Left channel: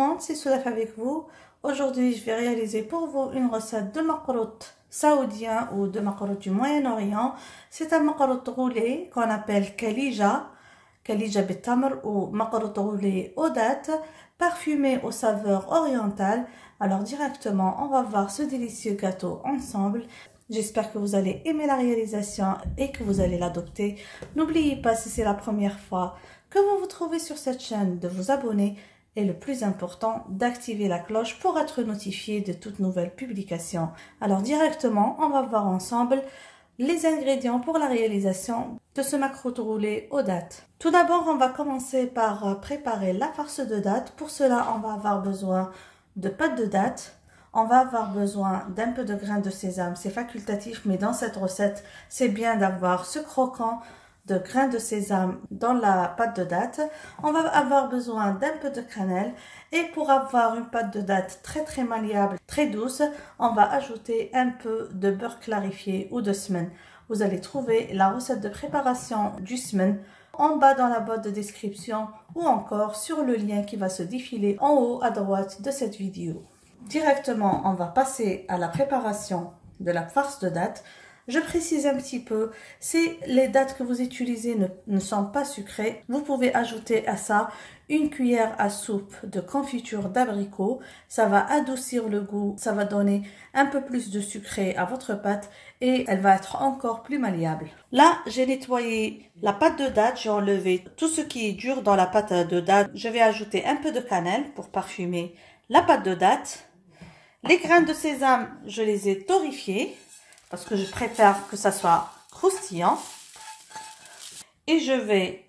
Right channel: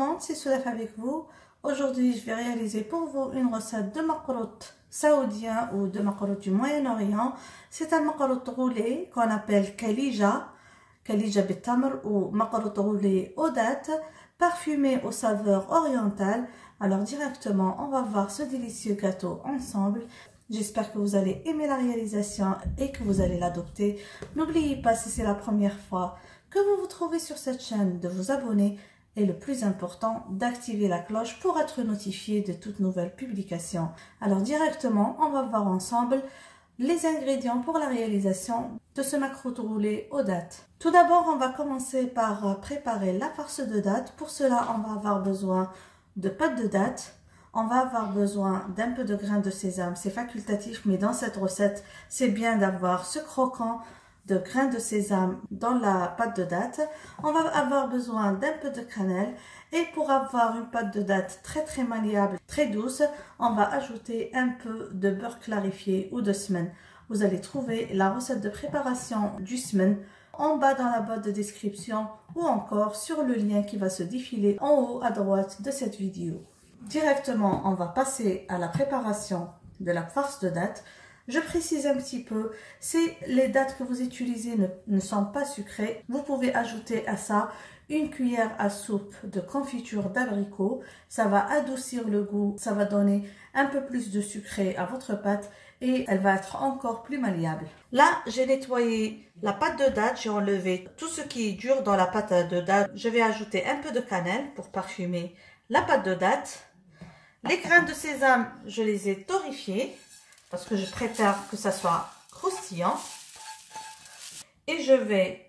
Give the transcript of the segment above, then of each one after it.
monde, c'est Soulaf avec vous. Aujourd'hui, je vais réaliser pour vous une recette de macarout saoudien ou de macarout du Moyen-Orient. C'est un macarout roulé qu'on appelle kalija bitamr ou macarout roulé aux dattes, parfumé aux saveurs orientales. Alors directement, on va voir ce délicieux gâteau ensemble. J'espère que vous allez aimer la réalisation et que vous allez l'adopter. N'oubliez pas, si c'est la première fois que vous vous trouvez sur cette chaîne, de vous abonner et le plus important, d'activer la cloche pour être notifié de toutes nouvelles publications. Alors directement, on va voir ensemble les ingrédients pour la réalisation de ce macarout roulé aux dattes. Tout d'abord, on va commencer par préparer la farce de dattes. Pour cela, on va avoir besoin de pâte de dattes. On va avoir besoin d'un peu de grains de sésame. C'est facultatif, mais dans cette recette, c'est bien d'avoir ce croquant de grains de sésame dans la pâte de dattes. On va avoir besoin d'un peu de cannelle. Et pour avoir une pâte de dattes très malléable, très douce, on va ajouter un peu de beurre clarifié ou de semen. Vous allez trouver la recette de préparation du semen en bas dans la boîte de description ou encore sur le lien qui va se défiler en haut à droite de cette vidéo. Directement, on va passer à la préparation de la farce de dattes. Je précise un petit peu, si les dattes que vous utilisez ne sont pas sucrées, vous pouvez ajouter à ça une cuillère à soupe de confiture d'abricot. Ça va adoucir le goût, ça va donner un peu plus de sucré à votre pâte et elle va être encore plus malléable. Là, j'ai nettoyé la pâte de dattes, j'ai enlevé tout ce qui est dur dans la pâte de dattes. Je vais ajouter un peu de cannelle pour parfumer la pâte de dattes. Les grains de sésame, je les ai torréfiés parce que je préfère que ça soit croustillant. Et je vais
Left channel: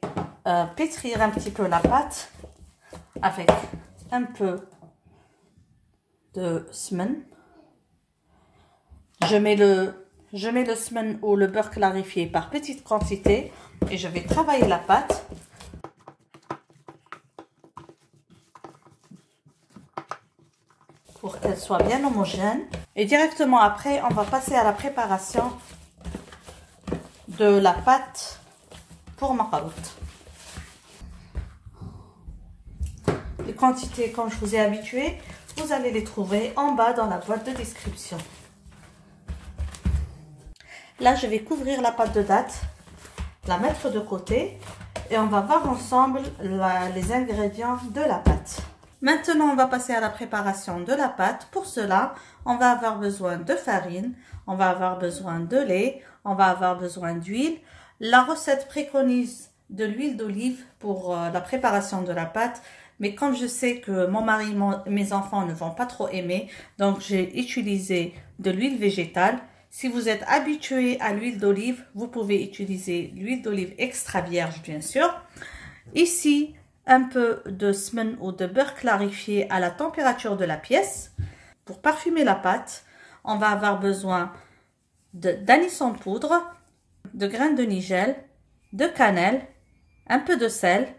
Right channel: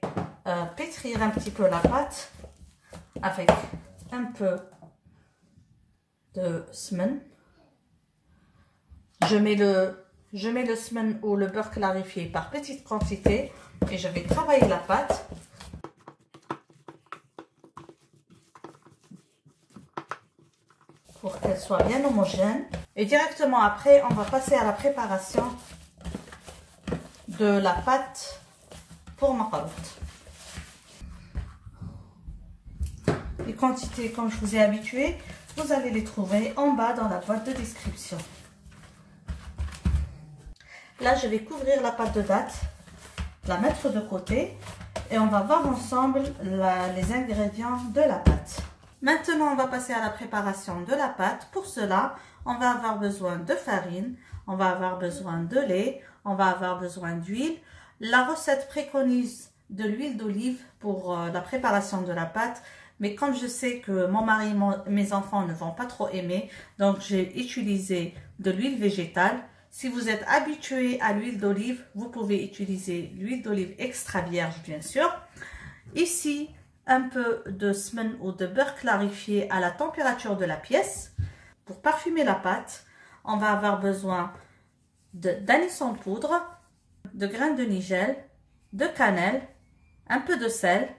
pétrir un petit peu la pâte avec un peu de semen. Je mets le semen ou le beurre clarifié par petite quantité et je vais travailler la pâte. Pour qu'elle soit bien homogène. Et directement après, on va passer à la préparation de la pâte pour macarout. Les quantités, comme je vous ai habitué, vous allez les trouver en bas dans la boîte de description. Là, je vais couvrir la pâte de dattes, la mettre de côté et on va voir ensemble les ingrédients de la pâte. Maintenant, on va passer à la préparation de la pâte. Pour cela, on va avoir besoin de farine, on va avoir besoin de lait, on va avoir besoin d'huile. La recette préconise de l'huile d'olive pour la préparation de la pâte, mais comme je sais que mon mari et mes enfants ne vont pas trop aimer, donc j'ai utilisé de l'huile végétale. Si vous êtes habitué à l'huile d'olive, vous pouvez utiliser l'huile d'olive extra vierge, bien sûr. Ici, un peu de semen ou de beurre clarifié à la température de la pièce. Pour parfumer la pâte, on va avoir besoin d'anis en poudre, de grains de nigel, de cannelle, un peu de sel,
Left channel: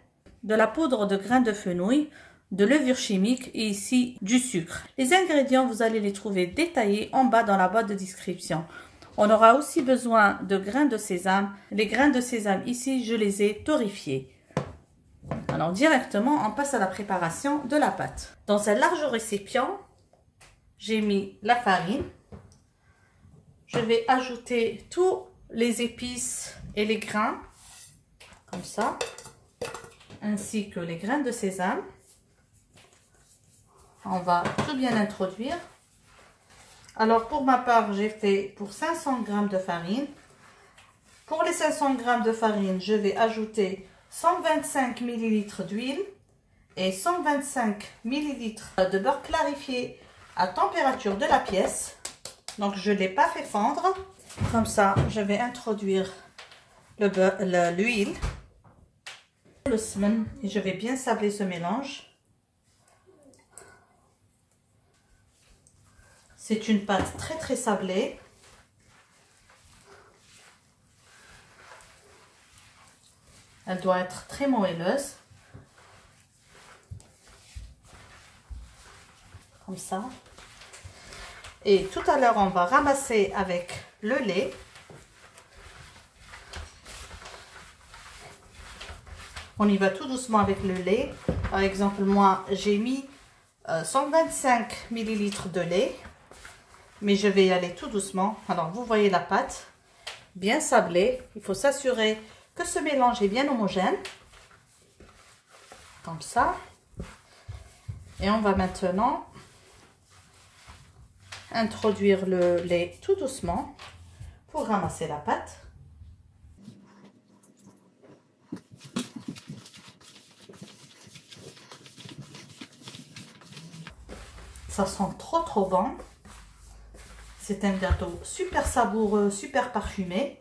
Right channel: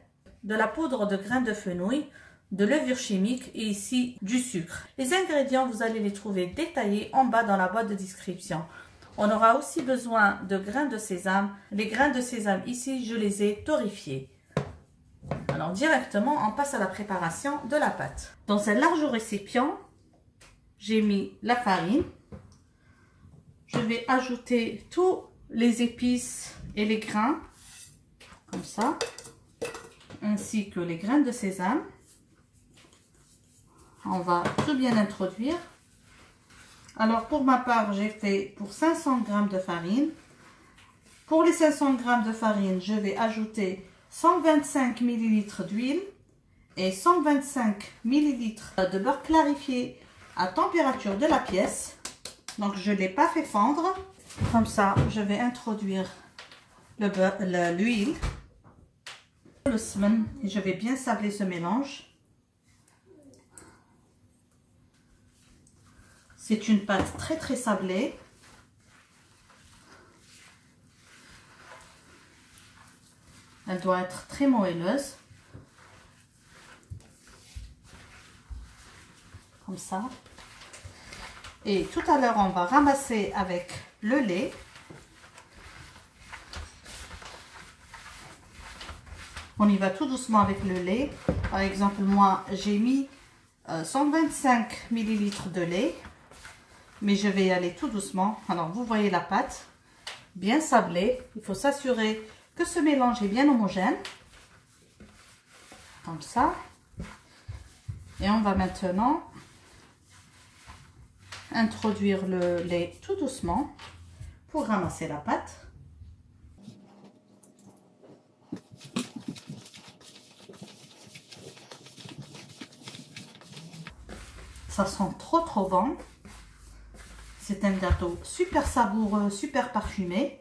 de la poudre de grains de fenouil, de levure chimique et ici du sucre. Les ingrédients, vous allez les trouver détaillés en bas dans la boîte de description. On aura aussi besoin de grains de sésame. Les grains de sésame ici, je les ai torréfiés. Alors directement, on passe à la préparation de la pâte. Dans un large récipient, j'ai mis la farine. Je vais ajouter tous les épices et les grains, comme ça, ainsi que les grains de sésame. On va tout bien introduire. Alors pour ma part, j'ai fait pour 500 g de farine. Pour les 500 g de farine, je vais ajouter 125 ml d'huile et 125 ml de beurre clarifié à température de la pièce. Donc je ne l'ai pas fait fondre. Comme ça, je vais introduire l'huile, le semen et je vais bien sabler ce mélange. C'est une pâte très sablée. Elle doit être très moelleuse. Comme ça. Et tout à l'heure, on va ramasser avec le lait. On y va tout doucement avec le lait. Par exemple, moi, j'ai mis 125 ml de lait, mais je vais y aller tout doucement. Alors vous voyez la pâte bien sablée, il faut s'assurer que ce mélange est bien homogène, comme ça. Et on va maintenant introduire le lait tout doucement pour ramasser la pâte. Ça sent trop bon. C'est un gâteau super savoureux, super parfumé.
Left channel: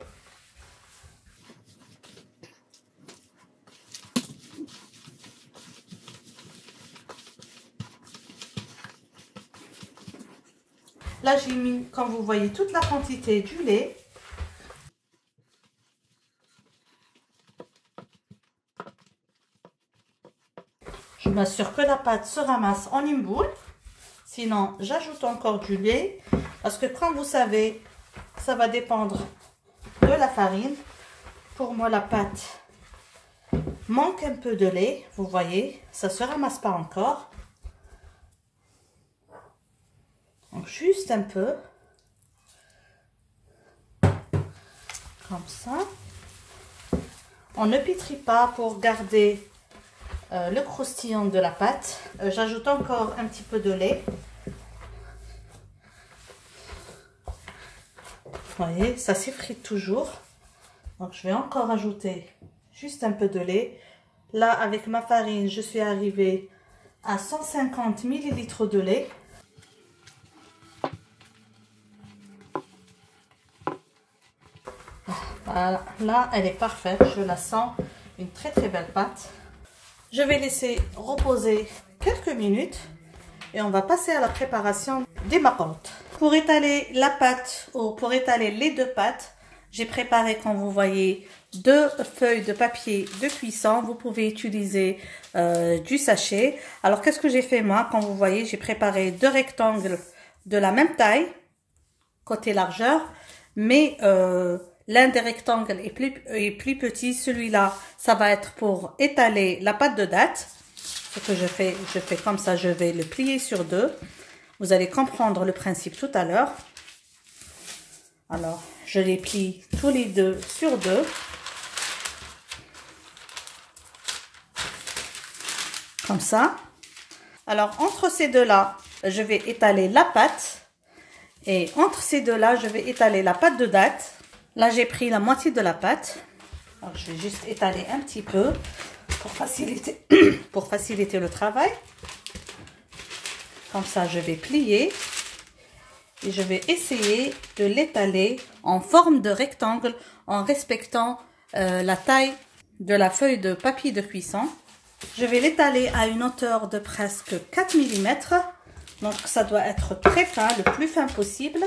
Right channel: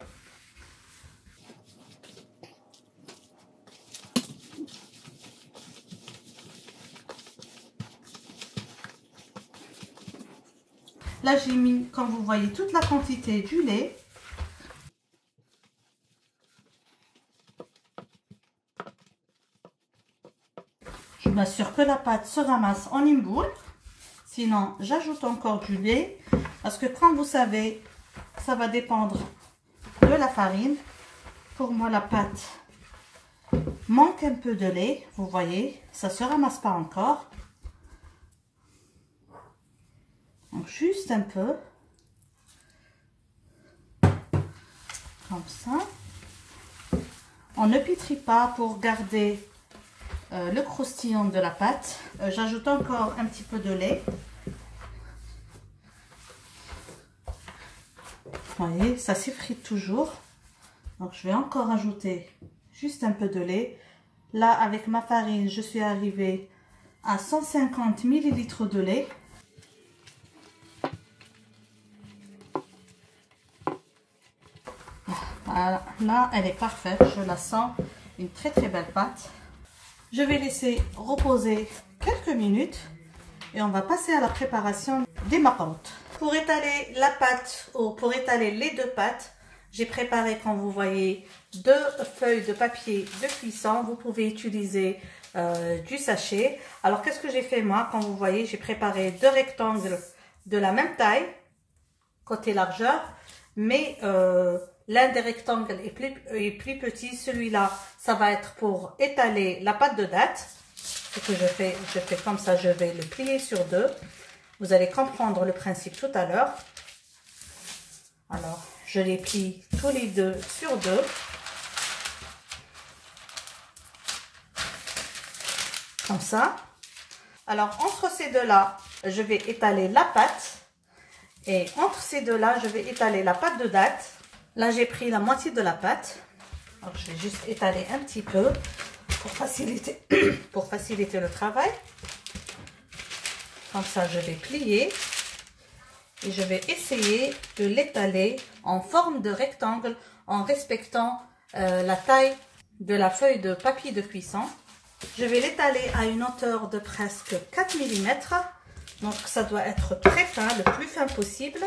Là, j'ai mis, comme vous voyez, toute la quantité du lait. Je m'assure que la pâte se ramasse en une boule. Sinon, j'ajoute encore du lait. Parce que comme vous savez, ça va dépendre de la farine. Pour moi, la pâte manque un peu de lait. Vous voyez, ça ne se ramasse pas encore. Donc, juste un peu. Comme ça. On ne pétrit pas pour garder le croustillant de la pâte. J'ajoute encore un petit peu de lait. Vous voyez, ça s'effrite toujours. Donc, je vais encore ajouter juste un peu de lait. Là, avec ma farine, je suis arrivée à 150 ml de lait. Voilà, là, elle est parfaite. Je la sens une très belle pâte. Je vais laisser reposer quelques minutes et on va passer à la préparation des macarottes. Pour étaler la pâte ou pour étaler les deux pâtes, j'ai préparé, comme vous voyez, 2 feuilles de papier de cuisson. Vous pouvez utiliser du sachet. Alors, qu'est-ce que j'ai fait moi? Comme vous voyez, j'ai préparé 2 rectangles de la même taille, côté largeur, mais l'un des rectangles est plus petit. Celui-là, ça va être pour étaler la pâte de date. Ce que je fais comme ça, je vais le plier sur 2. Vous allez comprendre le principe tout à l'heure. Alors, je les plie tous les deux sur 2. Comme ça. Alors, entre ces deux-là, je vais étaler la pâte. Et entre ces deux-là, je vais étaler la pâte de date. Là, j'ai pris la moitié de la pâte. Alors, je vais juste étaler un petit peu pour faciliter le travail. Comme ça, je vais plier. Et je vais essayer de l'étaler en forme de rectangle en respectant la taille de la feuille de papier de cuisson. Je vais l'étaler à une hauteur de presque 4 mm. Donc, ça doit être très fin, le plus fin possible.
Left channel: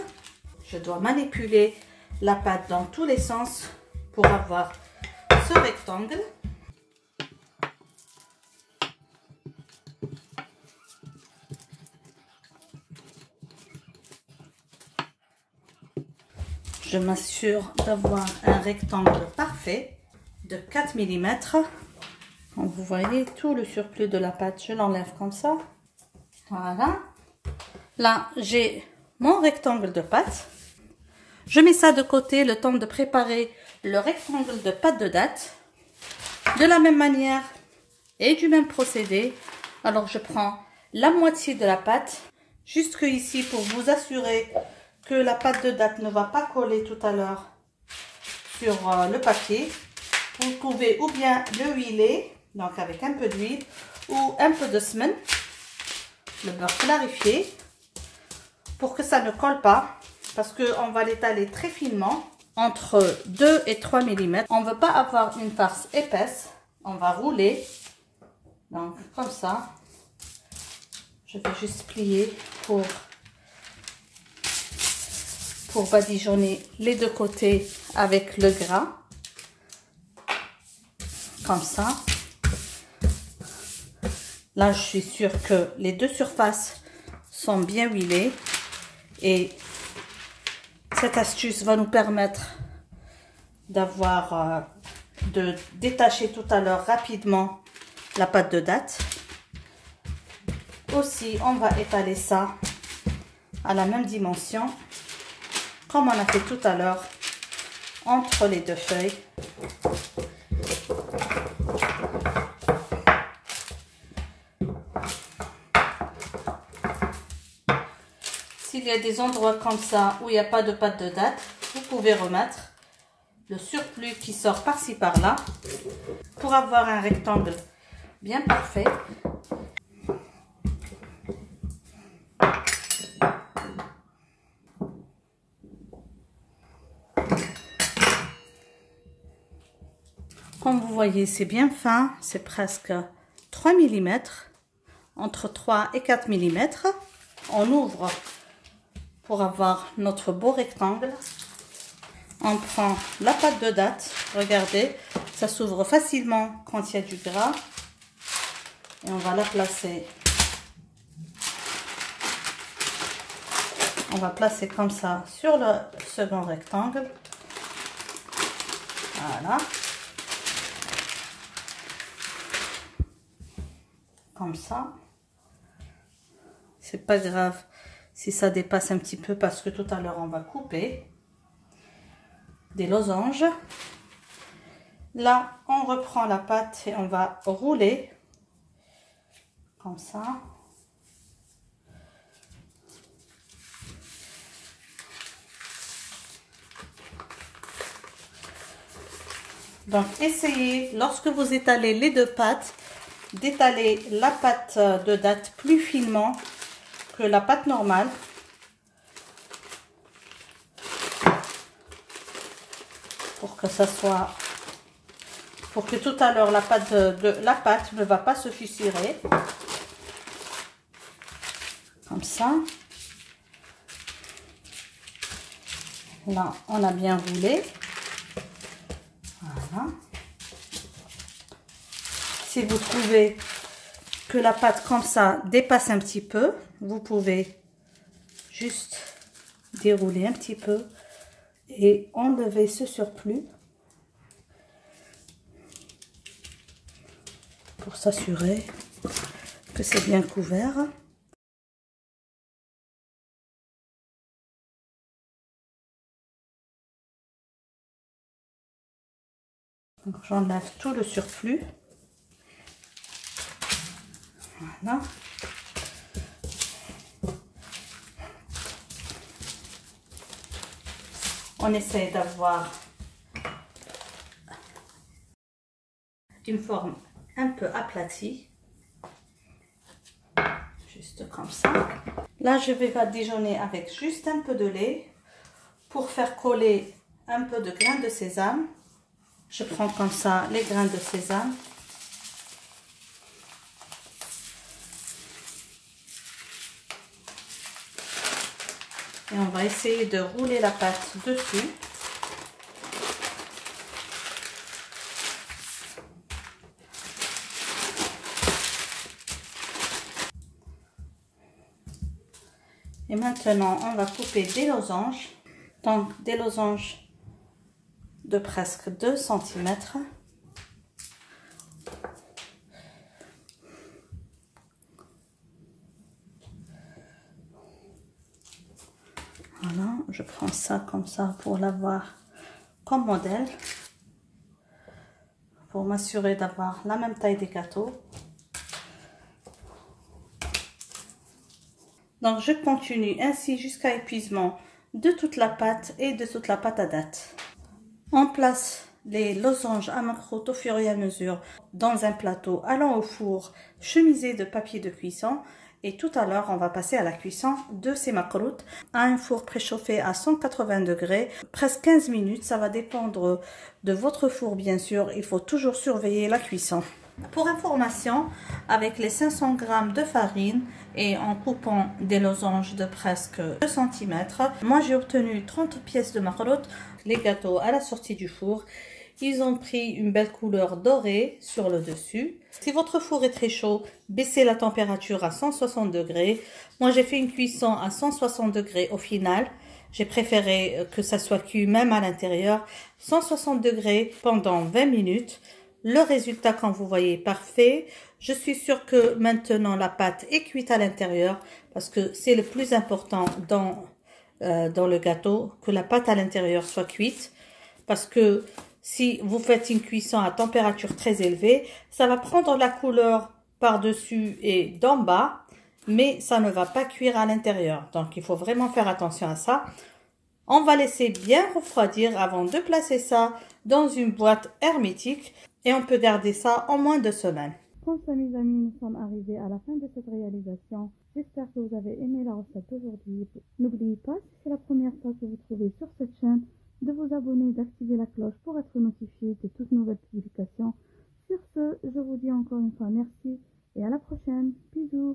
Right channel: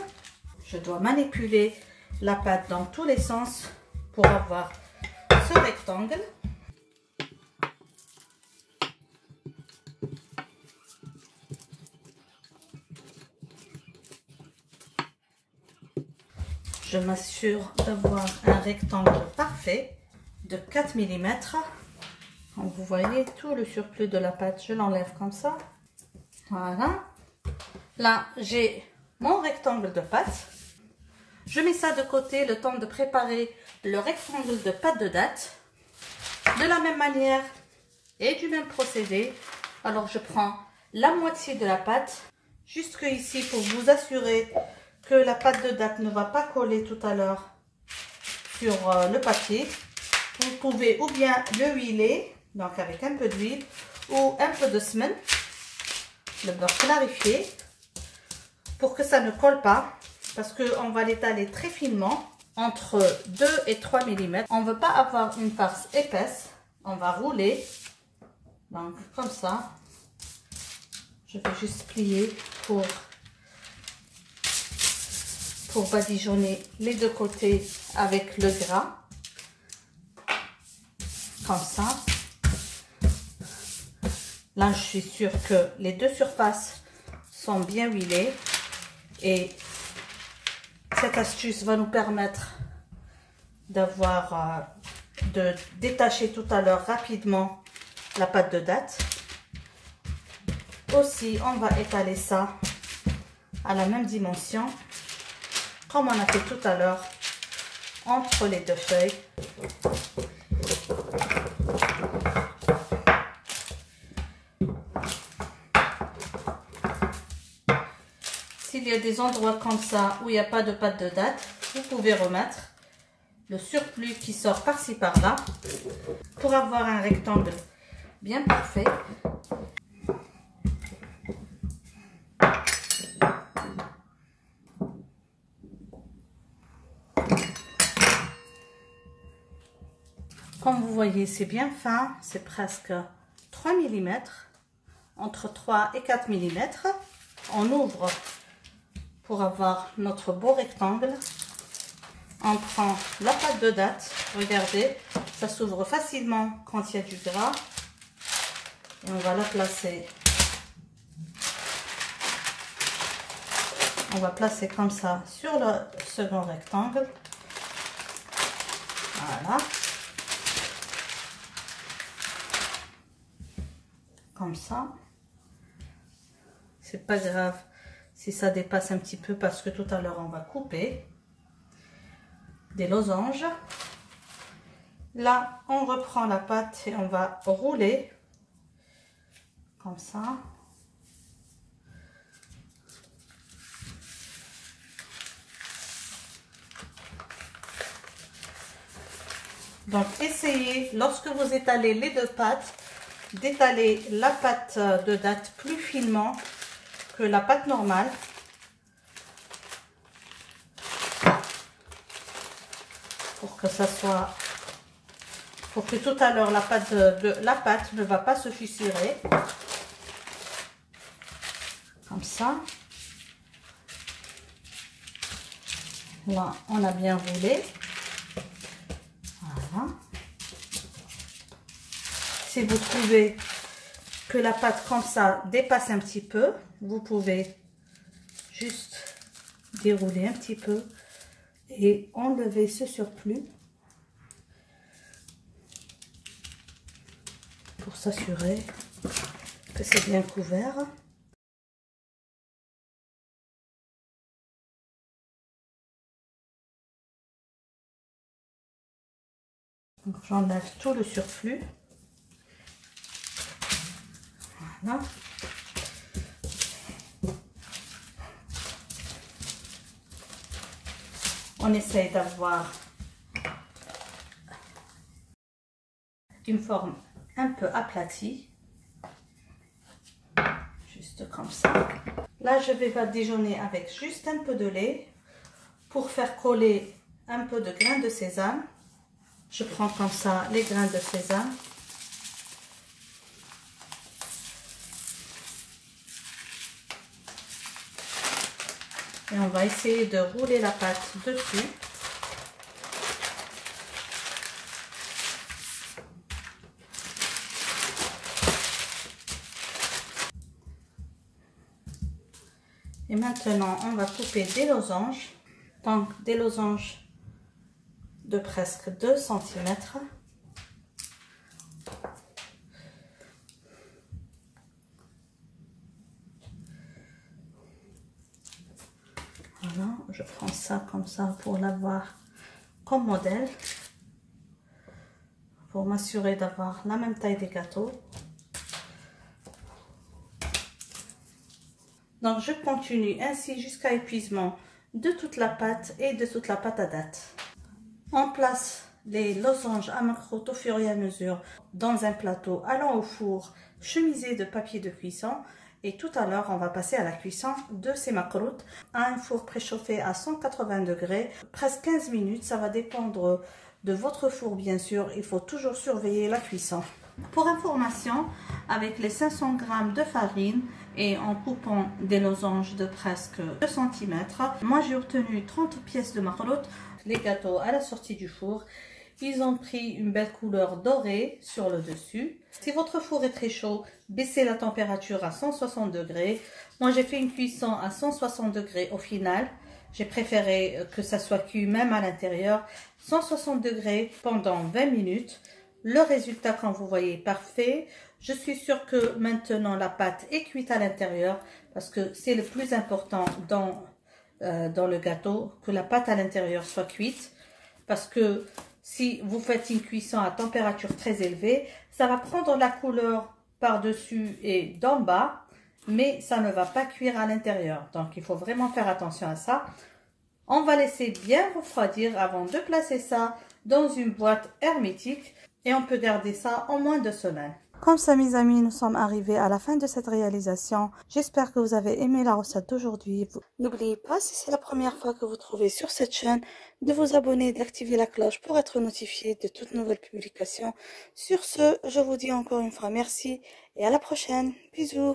Je dois manipuler la pâte dans tous les sens pour avoir ce rectangle. Je m'assure d'avoir un rectangle parfait de 4 mm. Comme vous voyez, tout le surplus de la pâte, je l'enlève comme ça. Voilà. Là, j'ai mon rectangle de pâte. Je mets ça de côté le temps de préparer le rectangle de pâte de date. De la même manière et du même procédé. Alors, je prends la moitié de la pâte jusque ici pour vous assurer que la pâte de date ne va pas coller tout à l'heure sur le papier. Vous pouvez ou bien le huiler, donc avec un peu d'huile, ou un peu de semen, le beurre clarifié, pour que ça ne colle pas, parce qu'on va l'étaler très finement, entre 2 et 3 mm. On ne veut pas avoir une farce épaisse, on va rouler, donc comme ça. Je vais juste plier pour badigeonner les deux côtés avec le gras, comme ça. Là, je suis sûre que les deux surfaces sont bien huilées et cette astuce va nous permettre de détacher tout à l'heure rapidement la pâte de date. Aussi, on va étaler ça à la même dimension, comme on a fait tout à l'heure, entre les deux feuilles. S'il y a des endroits comme ça où il n'y a pas de pâte de date, vous pouvez remettre le surplus qui sort par-ci par-là pour avoir un rectangle bien parfait. Comme vous voyez, c'est bien fin, c'est presque 3 mm, entre 3 et 4 mm. On ouvre pour avoir notre beau rectangle. On prend la pâte de date, regardez, ça s'ouvre facilement quand il y a du gras. Et on va la placer. On va placer comme ça sur le second rectangle. Voilà. Comme ça. C'est pas grave si ça dépasse un petit peu parce que tout à l'heure on va couper des losanges. Là, on reprend la pâte et on va rouler comme ça. Donc, essayez, lorsque vous étalez les deux pâtes, d'étaler la pâte de date plus finement que la pâte normale. Pour que ça soit... Pour que tout à l'heure, la pâte ne va pas se fissurer. Comme ça. Là, on a bien roulé. Voilà. Si vous trouvez que la pâte comme ça dépasse un petit peu, vous pouvez juste dérouler un petit peu et enlever ce surplus pour s'assurer que c'est bien couvert. J'enlève tout le surplus. Voilà. On essaye d'avoir une forme un peu aplatie. Juste comme ça. Là, je vais badigeonner avec juste un peu de lait pour faire coller un peu de grains de sésame. Je prends comme ça les grains de sésame. Et on va essayer de rouler la pâte dessus. Et maintenant, on va couper des losanges. Donc, des losanges de presque 2 cm. Voilà, je prends ça comme ça pour l'avoir comme modèle. Pour m'assurer d'avoir la même taille des gâteaux. Donc, je continue ainsi jusqu'à épuisement de toute la pâte et de toute la pâte à date. On place les losanges à macroute au fur et à mesure dans un plateau allant au four chemisé de papier de cuisson. Et tout à l'heure, on va passer à la cuisson de ces macroutes à un four préchauffé à 180 degrés, presque 15 minutes. Ça va dépendre de votre four, bien sûr. Il faut toujours surveiller la cuisson. Pour information, avec les 500 g de farine et en coupant des losanges de presque 2 cm, moi j'ai obtenu 30 pièces de macroutes. Les gâteaux à la sortie du four, ils ont pris une belle couleur dorée sur le dessus. Si votre four est très chaud, baissez la température à 160 degrés. Moi j'ai fait une cuisson à 160 degrés au final. J'ai préféré que ça soit cuit même à l'intérieur. 160 degrés pendant 20 minutes. Le résultat, comme vous voyez, est parfait. Je suis sûre que maintenant la pâte est cuite à l'intérieur parce que c'est le plus important dans le gâteau, que la pâte à l'intérieur soit cuite. Parce que si vous faites une cuisson à température très élevée, ça va prendre la couleur par-dessus et d'en bas, mais ça ne va pas cuire à l'intérieur. Donc, il faut vraiment faire attention à ça. On va laisser bien refroidir avant de placer ça dans une boîte hermétique et on peut garder ça en moins de semaines. Comme ça, mes amis, nous sommes arrivés à la fin de cette réalisation. J'espère que vous avez aimé la recette d'aujourd'hui. N'oubliez pas, si c'est la première fois que vous trouvez sur cette chaîne, de vous abonner et d'activer la cloche pour être notifié de toutes nouvelles publications. Sur ce, je vous dis encore une fois merci et à la prochaine. Bisous.